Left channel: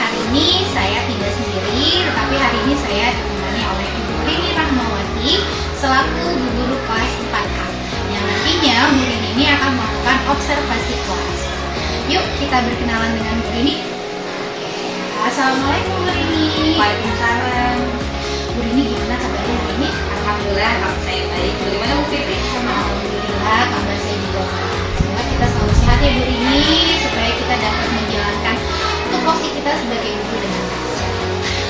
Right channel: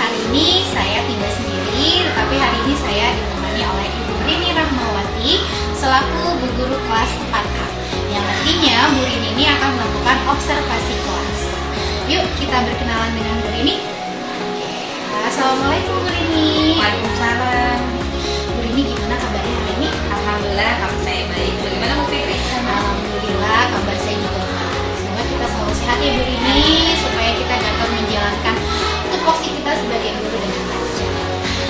hari ini saya tidak sendiri, tetapi hari ini saya ditemani oleh Ibu Rini Rahmawati selaku Bu Guru kelas 4A. Yang nantinya Bu Rini ini akan melakukan observasi kelas. Yuk kita berkenalan dengan Bu Rini. Assalamualaikum Bu Rini. Waalaikumsalam. Bu Rini, gimana kabarnya hari ini? Alhamdulillah, kabar saya baik. Bagaimana Bu Fitri? Alhamdulillah, kabar saya juga baik. Semoga kita selalu sehat ya Bu Rini, supaya kita dapat menjalankan tupoksi kita sebagai guru dengan lancar.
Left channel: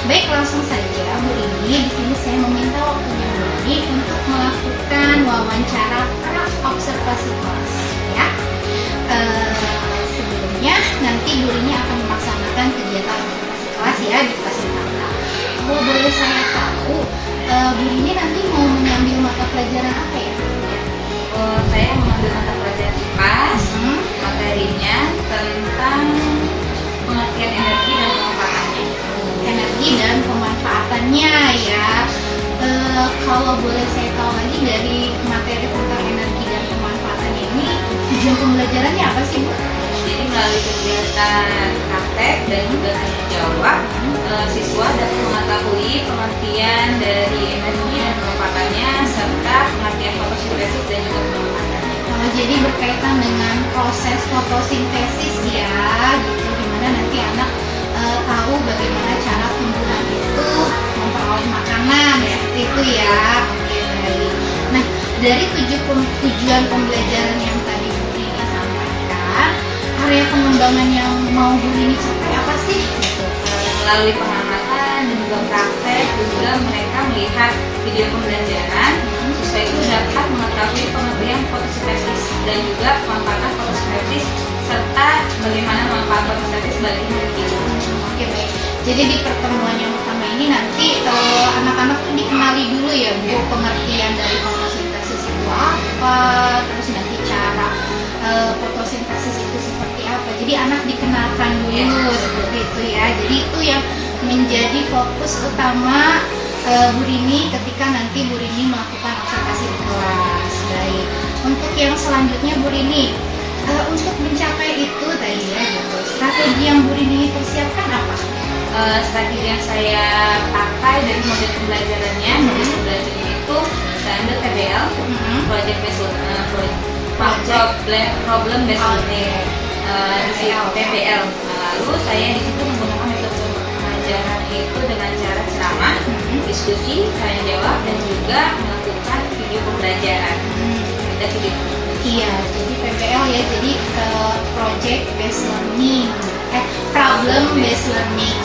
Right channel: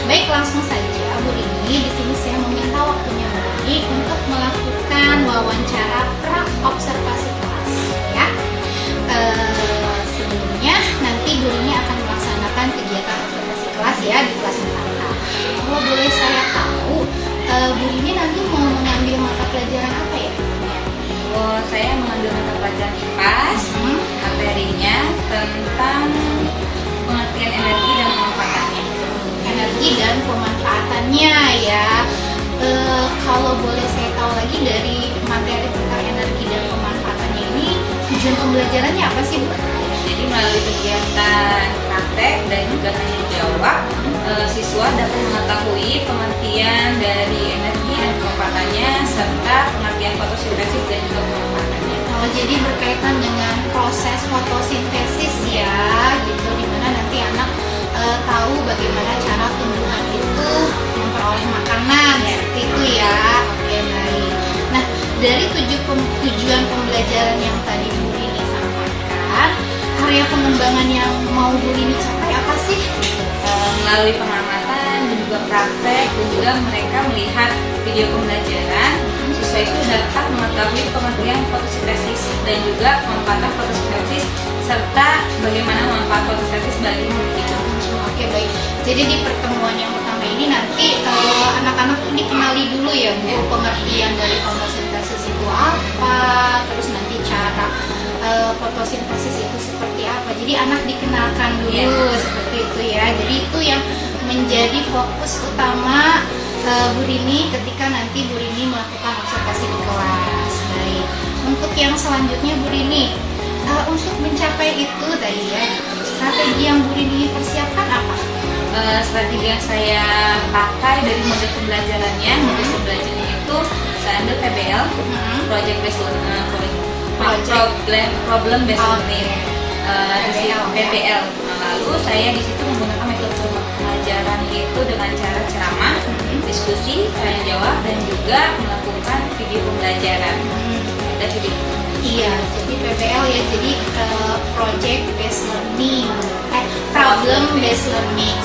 Baik, langsung saja Bu Rini. Di sini saya meminta waktunya Bu Rini untuk melakukan wawancara pra observasi kelas. Ya. Sebelumnya nanti Bu Rini akan melaksanakan kegiatan observasi kelas ya di kelas 4A. Kalau boleh saya tahu, Bu Rini nanti mau mengambil mata pelajaran apa ya? Saya mengambil mata pelajaran IPAS. Materinya tentang pengertian energi dan pemanfaatannya. Energi dan pemanfaatannya ya. Kalau boleh saya tahu lagi dari materi tentang energi dan pemanfaatannya ini, tujuan pembelajarannya apa sih Bu? Jadi melalui kegiatan praktek dan juga tanya jawab, siswa dapat mengetahui pengertian dari energi dan pemanfaatannya serta pengertian fotosintesis dan juga pemanfaatannya. Jadi berkaitan dengan proses fotosintesis ya, gitu, dimana nanti anak tahu bagaimana cara tumbuhan itu memperoleh makanan seperti itu ya. Oke, baik. Nah, dari tujuan pembelajaran yang tadi Bu Rini sampaikan, area pengembangan yang mau Bu Rini capai apa sih? Melalui pengamatan dan juga praktek dan juga mereka melihat video pembelajaran, siswa itu dapat mengetahui pengertian fotosintesis dan juga pemanfaatan fotosintesis serta bagaimana manfaat fotosintesis bagi hidup kita. Oke, baik. Jadi di pertemuan yang pertama ini nanti anak-anak tuh dikenali dulu ya Bu, pengertian dari fotosintesis itu apa, terus nanti cara fotosintesis itu seperti apa. Jadi anak dikenalkan dulu seperti itu ya. Jadi itu yang menjadi fokus utama Bu Rini ketika nanti Bu Rini melakukan observasi di kelas. Baik. Untuk yang selanjutnya Bu Rini, untuk mencapai itu tadi ya gitu, strategi yang Bu Rini persiapkan apa? Strategi yang saya pakai dari model pembelajarannya, model pembelajarannya itu saya ambil PBL, Project Based Learning, Problem Based Learning, PBL. Lalu saya di situ menggunakan metode pengajaran itu dengan cara ceramah, diskusi, tanya jawab, dan juga melakukan video pembelajaran. Ada video. Iya, jadi PBL ya, jadi Project Based Learning, Problem Based Learning,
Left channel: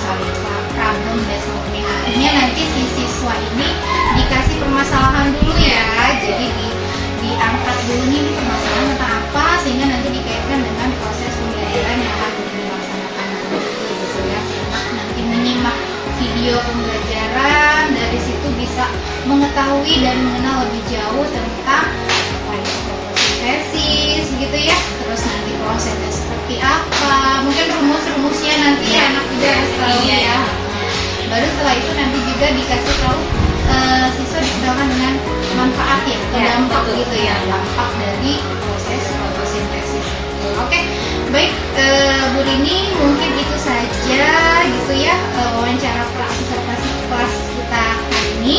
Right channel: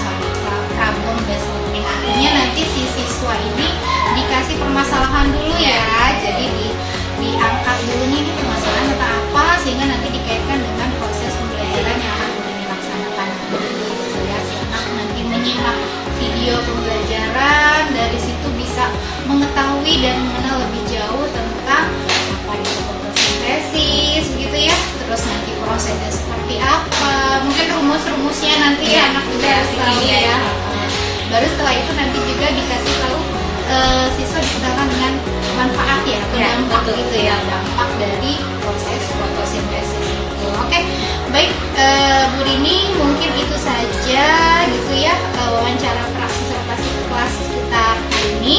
Problem Based Learning. Artinya nanti si siswa ini dikasih permasalahan dulu ya, jadi diangkat dulu ini permasalahan tentang apa, sehingga nanti dikaitkan dengan proses pembelajaran yang akan dilaksanakan nanti gitu ya. Si anak nanti menyimak video pembelajaran, dari situ bisa mengetahui dan mengenal lebih jauh tentang apa itu fotosintesis gitu ya, terus nanti prosesnya seperti apa, mungkin rumus-rumusnya nanti ya anak juga harus tahu ya. Baru setelah itu nanti juga dikasih tahu siswa dikenalkan dengan manfaat ya, dampak gitu ya, dampak dari proses fotosintesis. Oke, baik Bu Rini, mungkin itu saja gitu ya wawancara pra observasi kelas kita hari ini.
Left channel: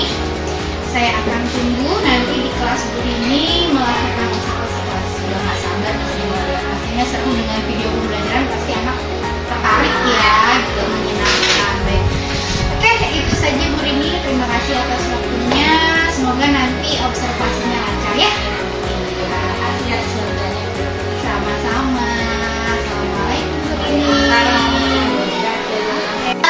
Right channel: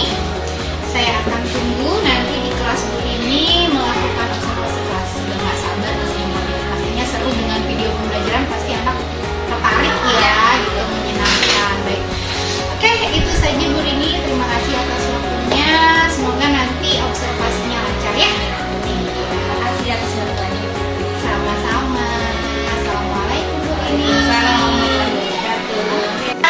Saya akan tunggu nanti di kelas Bu Rini melakukan observasi kelas. Sudah nggak sabar di sini, pastinya seru dengan video pembelajaran, pasti anak tertarik ya gitu, menyenangkan. Baik. Oke, itu saja Bu Rini. Terima kasih atas waktunya. Semoga nanti observasinya lancar ya. Terima kasih atas waktunya. Sama-sama. Assalamualaikum Bu Rini. Waalaikumsalam warahmatullahi wabarakatuh.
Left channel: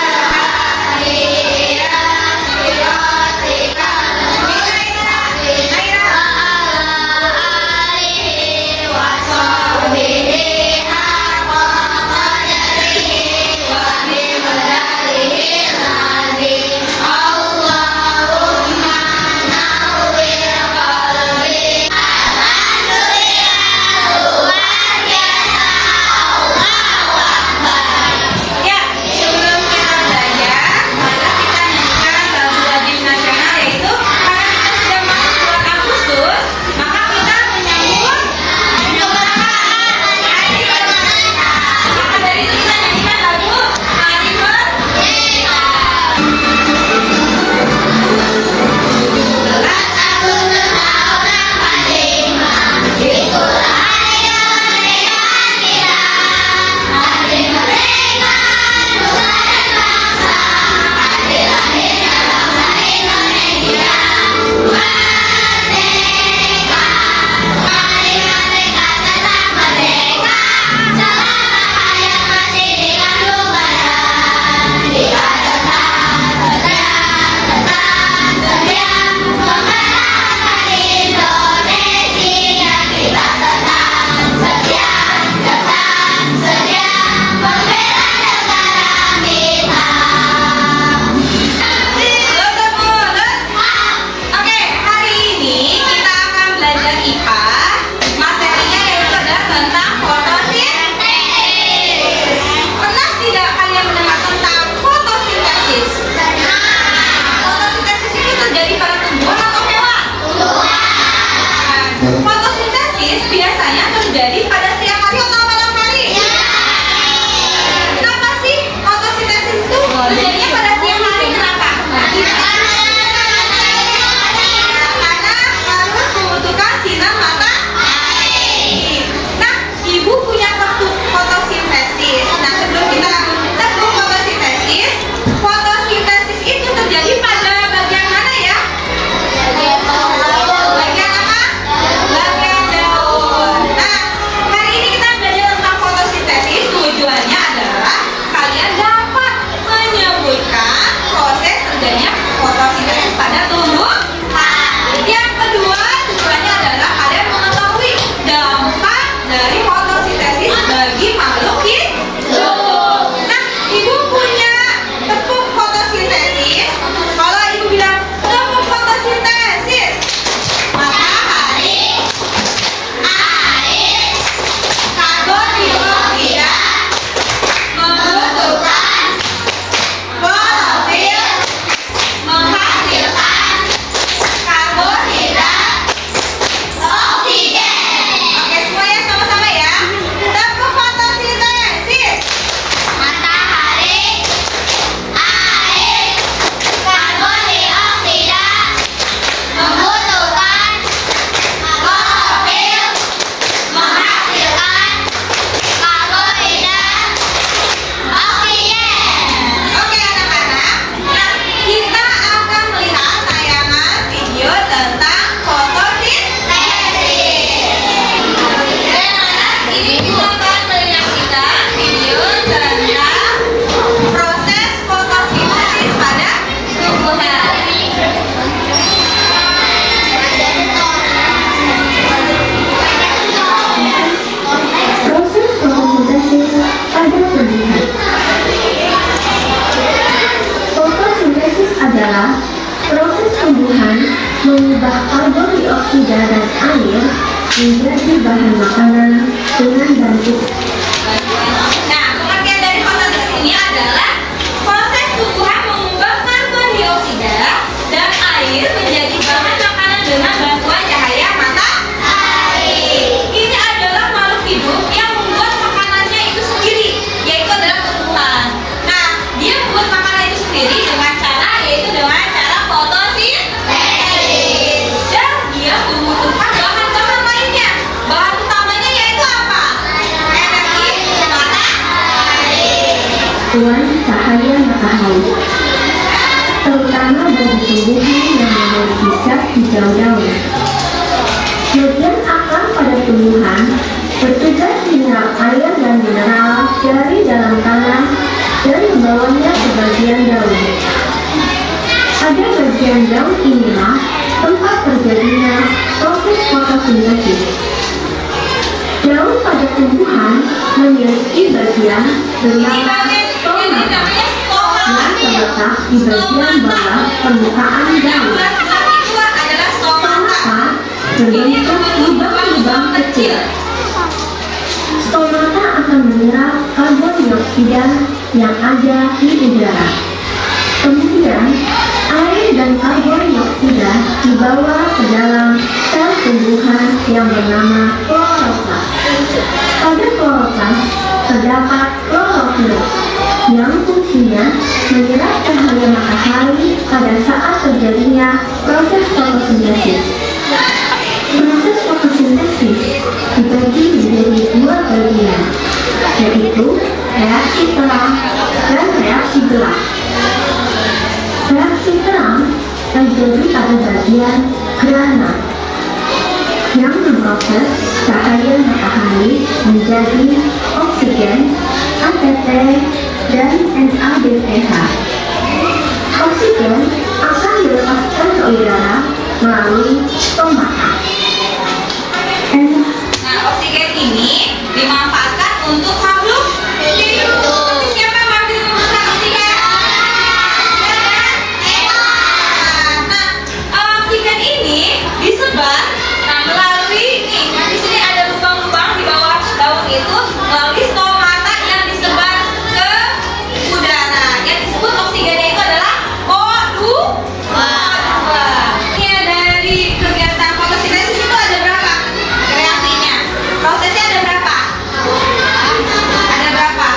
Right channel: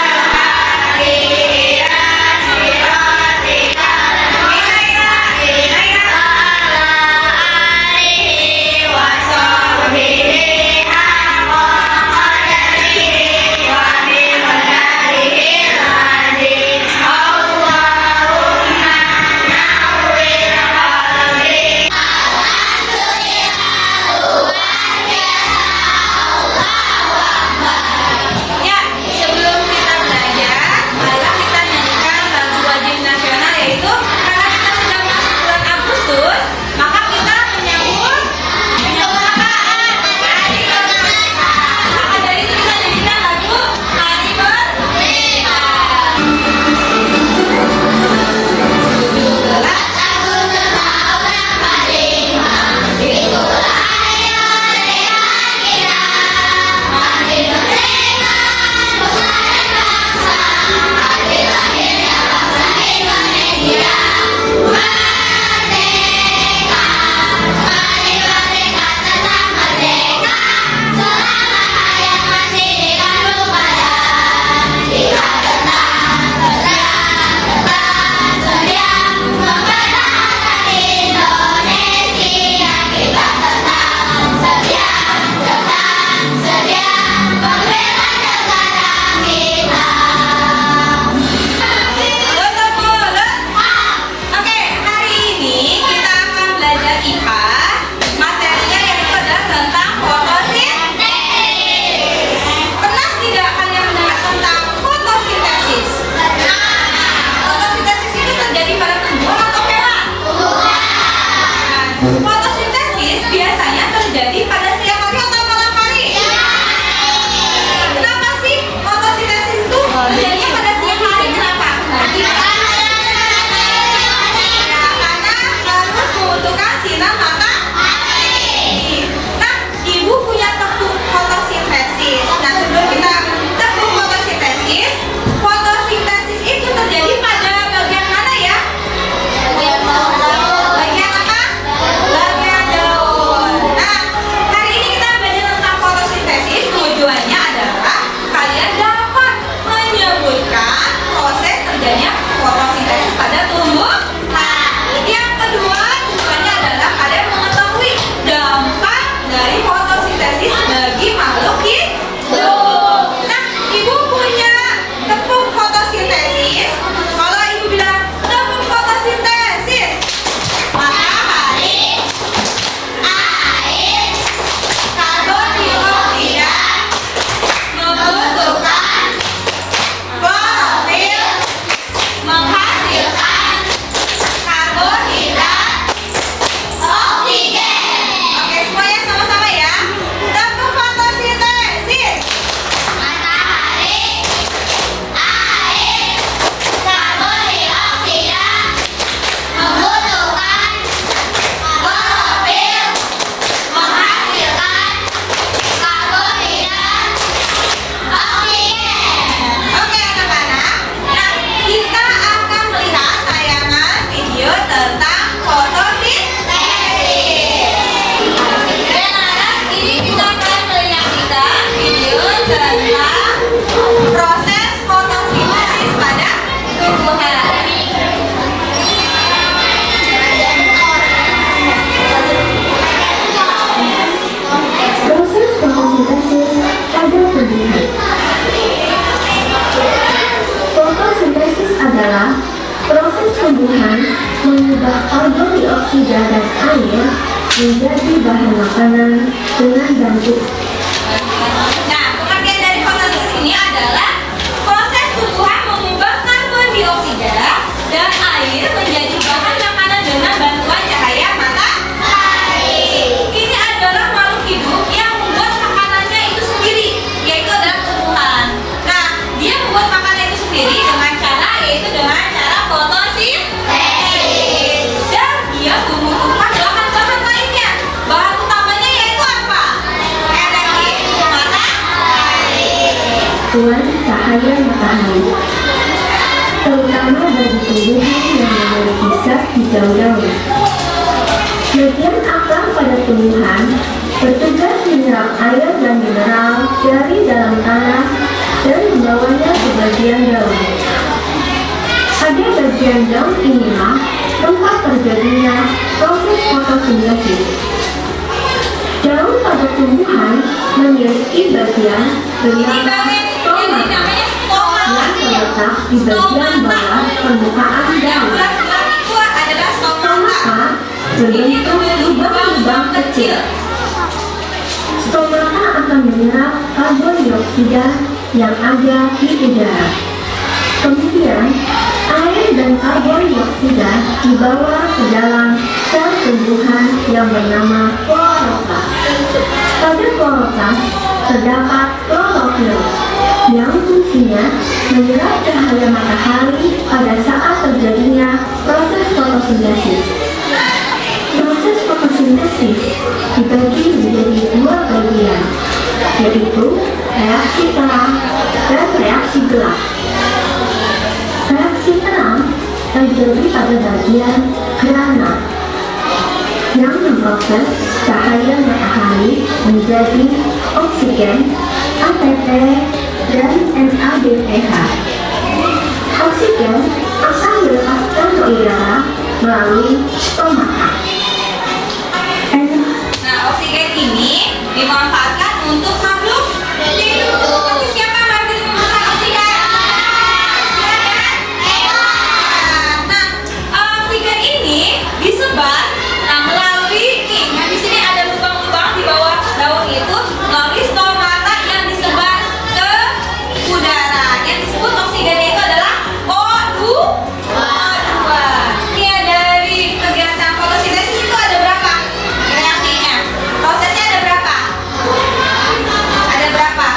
Allahumma nawwir mengubah karbon dioksida dan air menjadi bahan makanan dengan bantu. Nah, pengertian dari fotosintesis ini adalah proses tumbuhan mengubah karbon dioksida dan air menjadi bahan makanan dengan bantuan cahaya matahari. Ini adalah makhluk hidup yang membuat makanannya itu sendiri, yaitu adalah tumbuhan. Nah, dia membuat makanan itu sendiri dengan cara fotosintesis. Dan dia membutuhkan bahan-bahan lainnya. Bahan utamanya yaitu apa? Energi matahari. Tuan cahaya matahari, terutama bagi tumbuhan yang memiliki zat hijau daun. Bagian akar pada tumbuhan bertugas menyerap air dan mineral dari dalam tanah dan membawanya ke bagian daun. Pada bagian daun inilah tempat terjadinya proses fotosintesis. Daun pada tumbuhan memiliki bagian bernama stomata yang terletak di bagian bawah permukaan daun. Stomata berbentuk lubang-lubang kecil. Stomata akan menyerap karbon dioksida yang ada di udara. Kemudian, air dan karbon dioksida dibawa ke dalam sel tumbuhan yang bernama kloroplast. Pada kloroplast terdapat klorofil yang fungsinya menyerap cahaya matahari pada saat terjadinya proses fotosintesis. Proses fotosintesis dibagi menjadi dua bagian, yaitu reaksi terang dan reaksi gelap. Reaksi terang terjadi pada bagian gerhana yang memproses cahaya matahari menjadi oksigen, ATP, dan NADPH. Oksigen akan dilepaskan ke udara melalui stomata. Nah, oksigen ini dimanfaatkan untuk makhluk hidup. Tapi siapa yang mampu menggunakan oksigen? Nah, oksigen ini disebar melalui di sini ada lubang-lubang di bawah daun itu melalui stomata yang disebar ke udara. Yang disebut oksigennya itu adalah O2. Ini dari kegiatan fotosintesis itu ada berapa reaksinya? Prosesnya ada berapa? Ada berapa?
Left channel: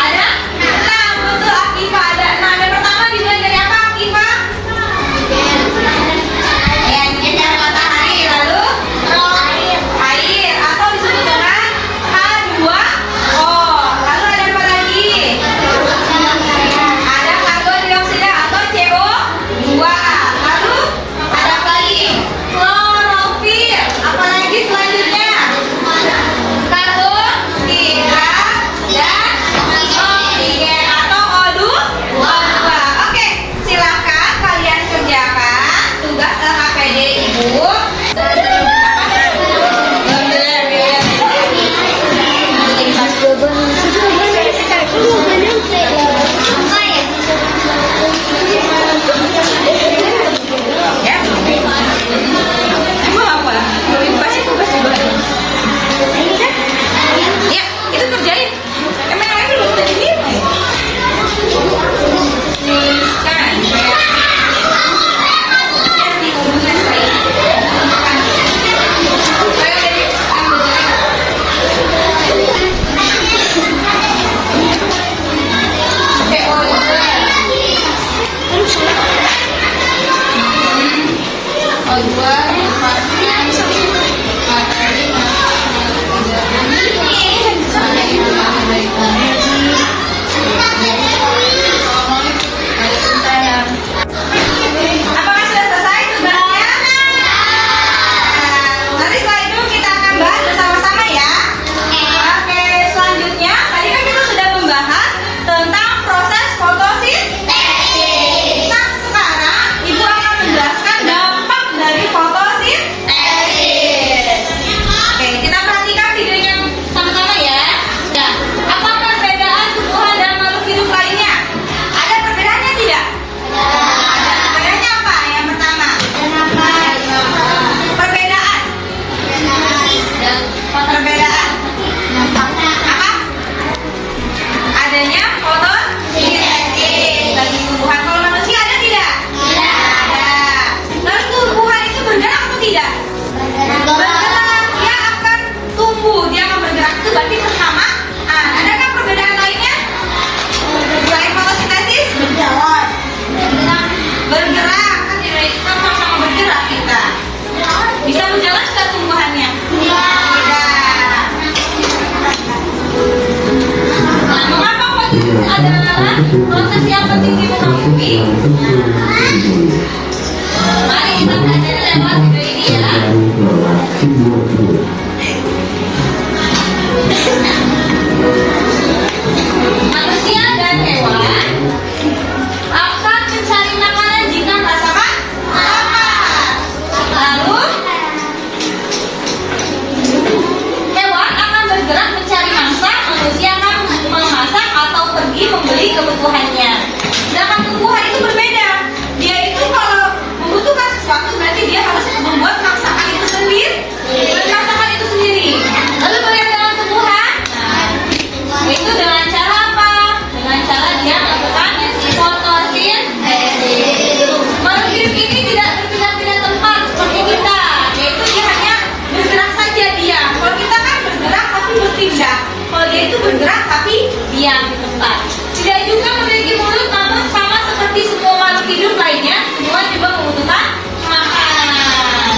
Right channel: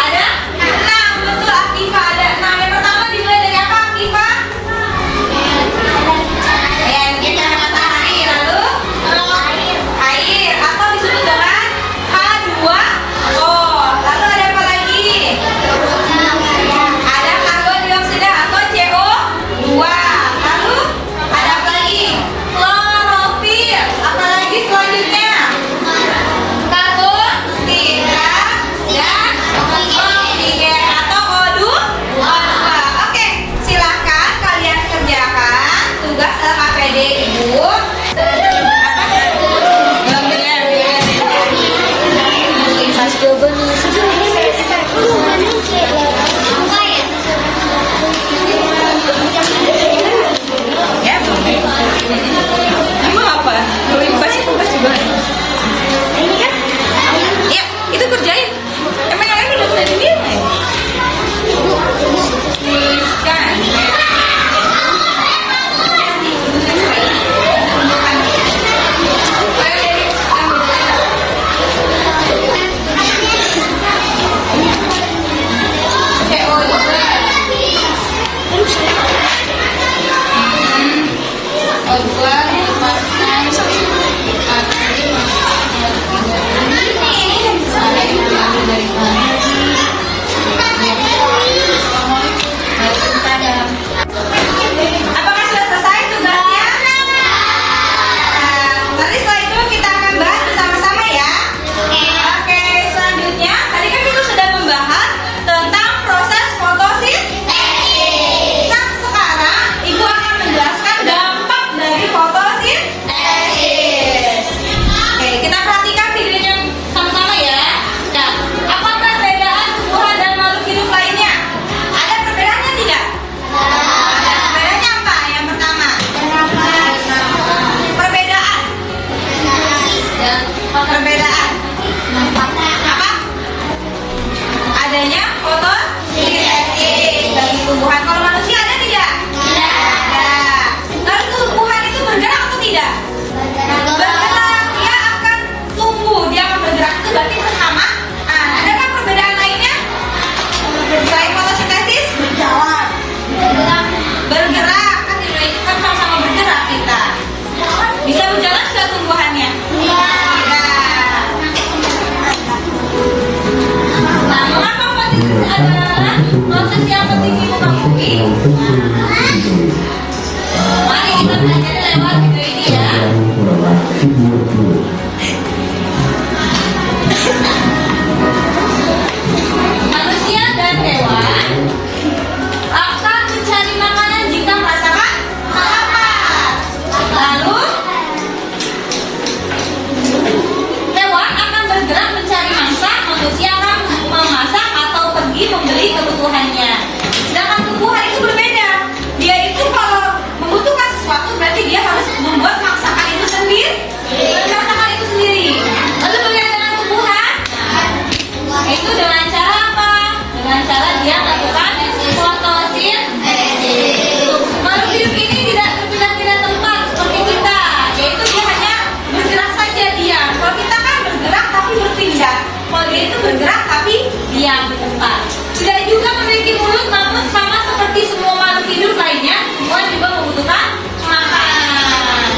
Ada? Nah, betul Aktiva ada. Nah, yang pertama dimulai dari apa Aktiva? Yang cahaya matahari, lalu air atau disebut dengan H2O. Lalu ada apa lagi? Ada karbon dioksida atau CO2. Lalu ada apa lagi? Klorofil. Apa lagi selanjutnya? Karbon, dan oksigen atau O2. Oke, silakan kalian kerjakan tugas LKPD Ibu. Ya. Ibu apa? Tugas juga. Ini kan? Ya, itu kerjain. Emang yang lain belum ada dinilai. Tuliskan. Apakah sudah selesai tugasnya? Nanti setelah itu kita akan bahas bersama-sama ya. Oke, selanjutnya tadi kan kita sudah membahas tentang proses fotosintesis. Nah, sekarang Ibu akan menjelaskan dampak dari fotosintesis. adalah proses yang penting di muka bumi. Mari kita pelajari lewat video ini ya. Manusia dan hewan akan mencari makanan jika merasakan lapar. Lalu hewan akan bergerak mencari mangsa, manusia akan memasak atau pergi membeli kebutuhannya. Sedangkan tumbuhan itu berbeda. Dia itu kalau membutuhkan sesuatu berarti dia harus membuat masakan itu sendiri. Lalu bagaimana dengan tumbuhan? Itu dengan cara apa? Dengan cara dia melakukan fotosintesis. Makhluk hidup ini tidak berpindah-pindah tempat seperti kita, yaitu dia hanya bergerak saja diam. Kalau kita kan bergerak tapi berpindah. Kalau dia itu bergerak tapi diam di tempat. Tidak juga memiliki mulut, namun sama seperti semua makhluk hidup lainnya, semua juga membutuhkan makanan.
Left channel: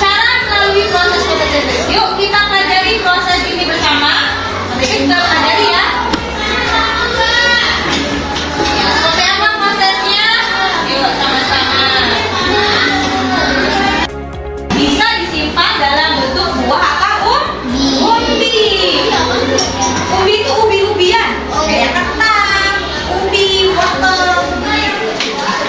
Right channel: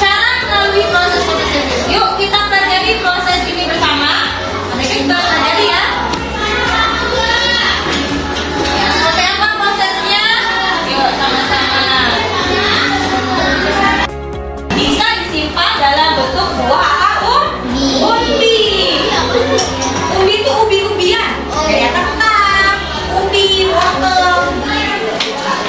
Cara melalui proses fotosintesis. Yuk kita pelajari proses ini bersama. Mereka juga pelajari ya. Ya, seperti apa prosesnya? Yuk sama-sama. Bisa disimpan dalam bentuk buah atau umbi. Umbi itu ubi-ubian, kayak kentang, ubi, wortel.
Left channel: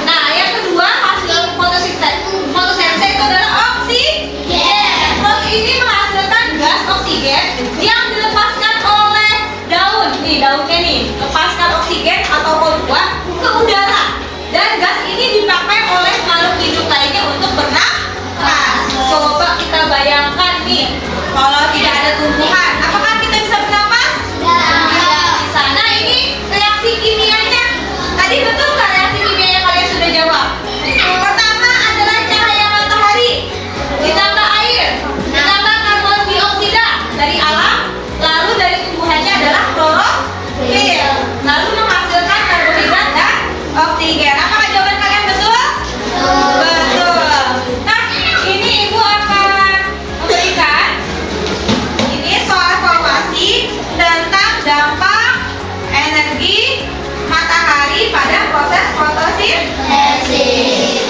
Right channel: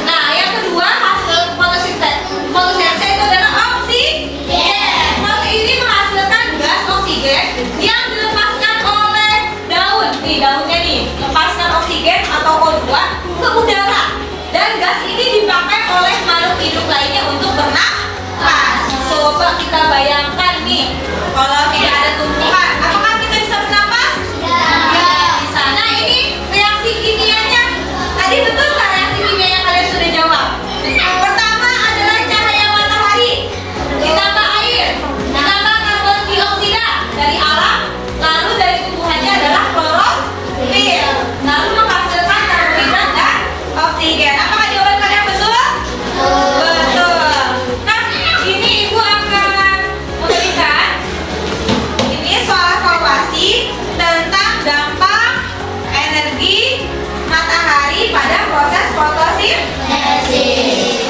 Nah, yang kedua hasil fotosintesis itu adalah oksigen. Proses ini menghasilkan gas oksigen yang dilepaskan oleh daun. Nih daunnya nih, lepaskan oksigen atau O2 ke udara. Dan gas ini dipakai oleh makhluk hidup lainnya untuk bernafas. Coba kita bayangkan nih, kalau tidak ada tumbuhan, apakah kita bisa bernafas? Tidak bisa. Nah ini reaksi kimianya. Tadi betul nggak reaksi kimia yang kalian sudah jawab? Pertama adalah cahaya matahari, ditambah air, ditambah karbon dioksida dari alam, lalu dari tumbuhannya adalah klorofil, lalu menghasilkan karbohidrat dan oksigen. Apakah jawaban kalian betul? Betul. Nah, ini ibu akan memberikan ini soal evaluasi tentang dampak energi matahari pada proses fotosintesis.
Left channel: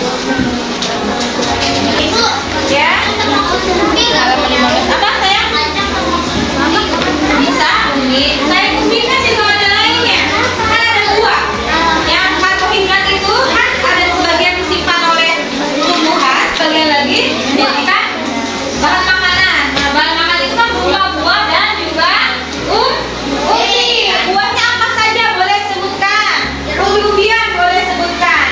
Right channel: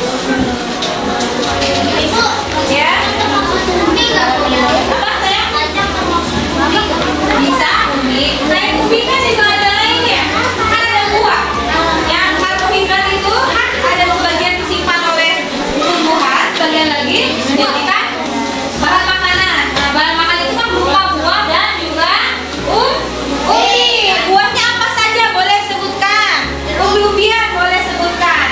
Ibu, ya. Apa sayang? Bisa umbi. Selain umbi kan juga ada lainnya. Kan ada buah. Yang karbohidrat itu kan ada sebagian disimpan oleh tumbuhan, sebagian lagi dijadikan bahan makanan. Nah, bahan makanan itu kan berupa buah dan juga umbi. Buahnya apa saja boleh sebutkan. Umbi-umbian boleh sebutkan.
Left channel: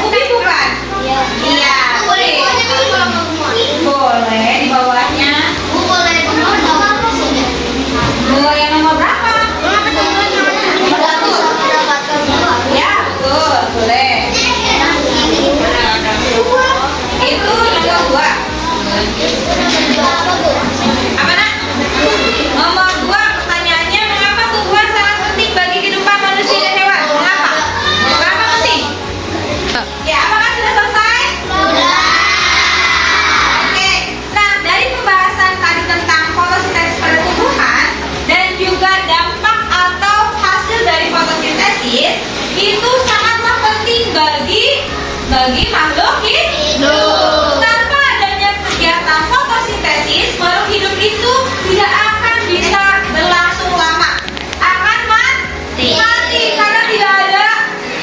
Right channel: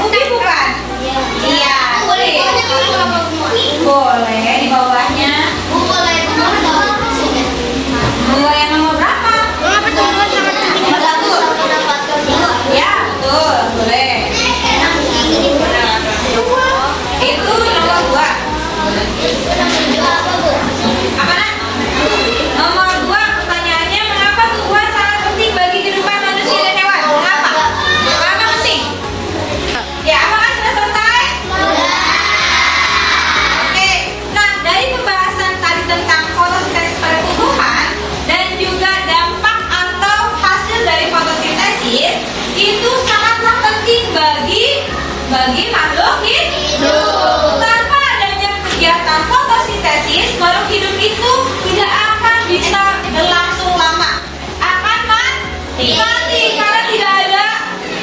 Umbi bukan? Iya. Boleh di bawahnya. Boleh nomor berapa? Nomor 1. Ya, betul. Boleh. Itu nomor 2. Apa nak? Nomor 2 pertanyaannya, mengapa tumbuhan sangat penting bagi kehidupan manusia dan hewan? Mengapa? Mengapa penting? Ya, apakah sudah selesai? Oke. Nah, dari pembahasan tadi tentang fotosintesis pada tumbuhan dan juga dampak atau hasil dari fotosintesis itu sangatlah penting bagi makhluk hidup. Tanpa adanya kegiatan fotosintesis, makhluk hidup itu tidak akan bisa berlangsung lama. Akan mati karena tidak ada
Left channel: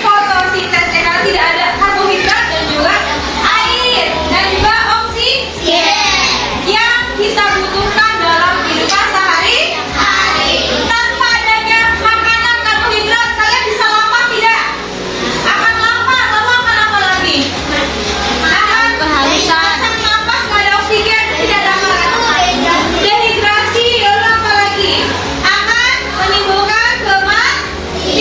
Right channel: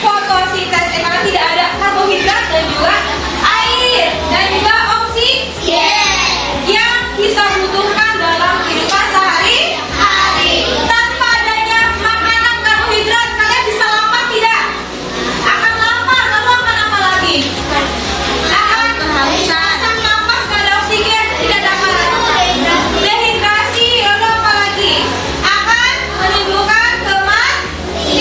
fotosintesis, karena tidak ada karbohidrat dan juga air dan juga oksigen yang kita butuhkan dalam kehidupan sehari-hari. Tanpa adanya makanan karbohidrat, kalian bisa lapar tidak? Akan lapar, lalu akan apa lagi? Akan sesak napas, nggak ada oksigen, tidak ada apa lagi? Dehidrasi, lalu apa lagi? Akan menimbulkan kematian.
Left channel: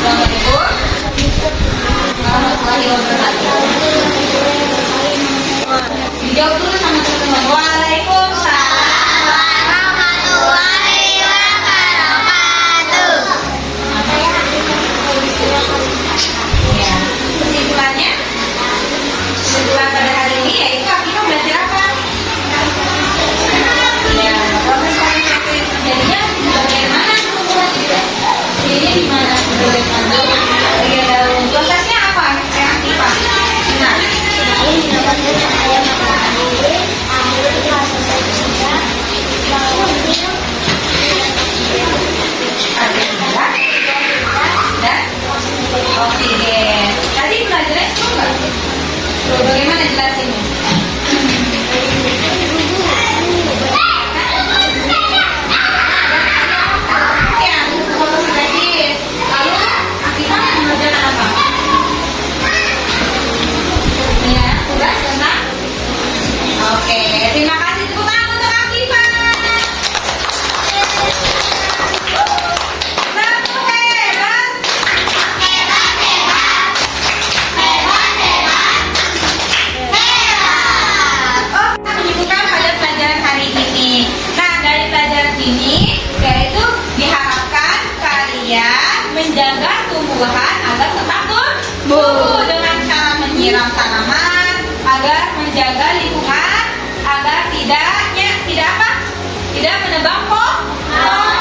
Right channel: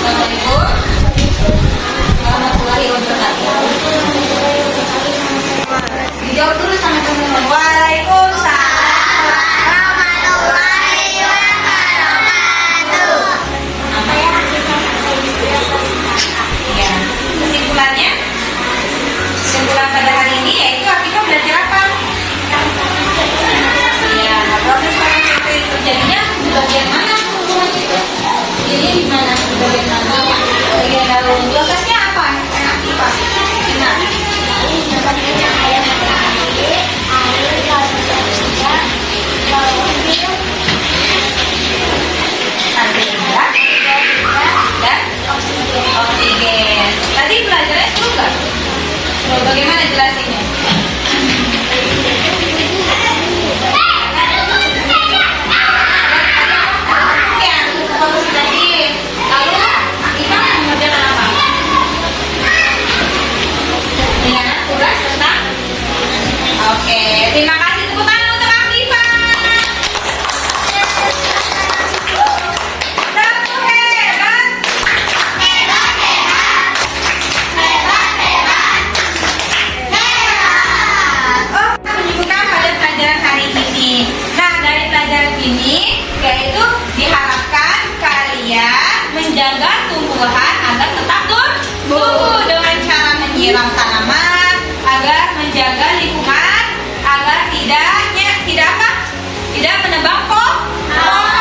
Assalamualaikum warahmatullahi wabarakatuh. Dijawab dulu sama teman-teman. Waalaikumsalam warahmatullahi wabarakatuh. Ya, kesimpulan pada hari ini yaitu kita belajar apa? Ya, proses konsepsi terjadinya di bagian mana? Ini di mana? Bagian mana? Bagian daun. Prosesnya apa? Reaktifan. Ingat. Karbohidrat dan oksigen. Tadi belajarnya seru nggak? Bagaimana jelasinnya? Lalu Akifah mengerjakan apa? Ya, tugas tentang. Oke, terima kasih tepuk tangan untuk Akifah. Satu hebat. Oh, kita menyebutkan pada pelajaran hari ini. Nah, dari pelajaran ini yaitu diharapkan kalian menjaga tumbuhan agar tetap tumbuh dengan cara menyiram tanaman, agar menjaga lingkungan, agar tidak menebang pohon.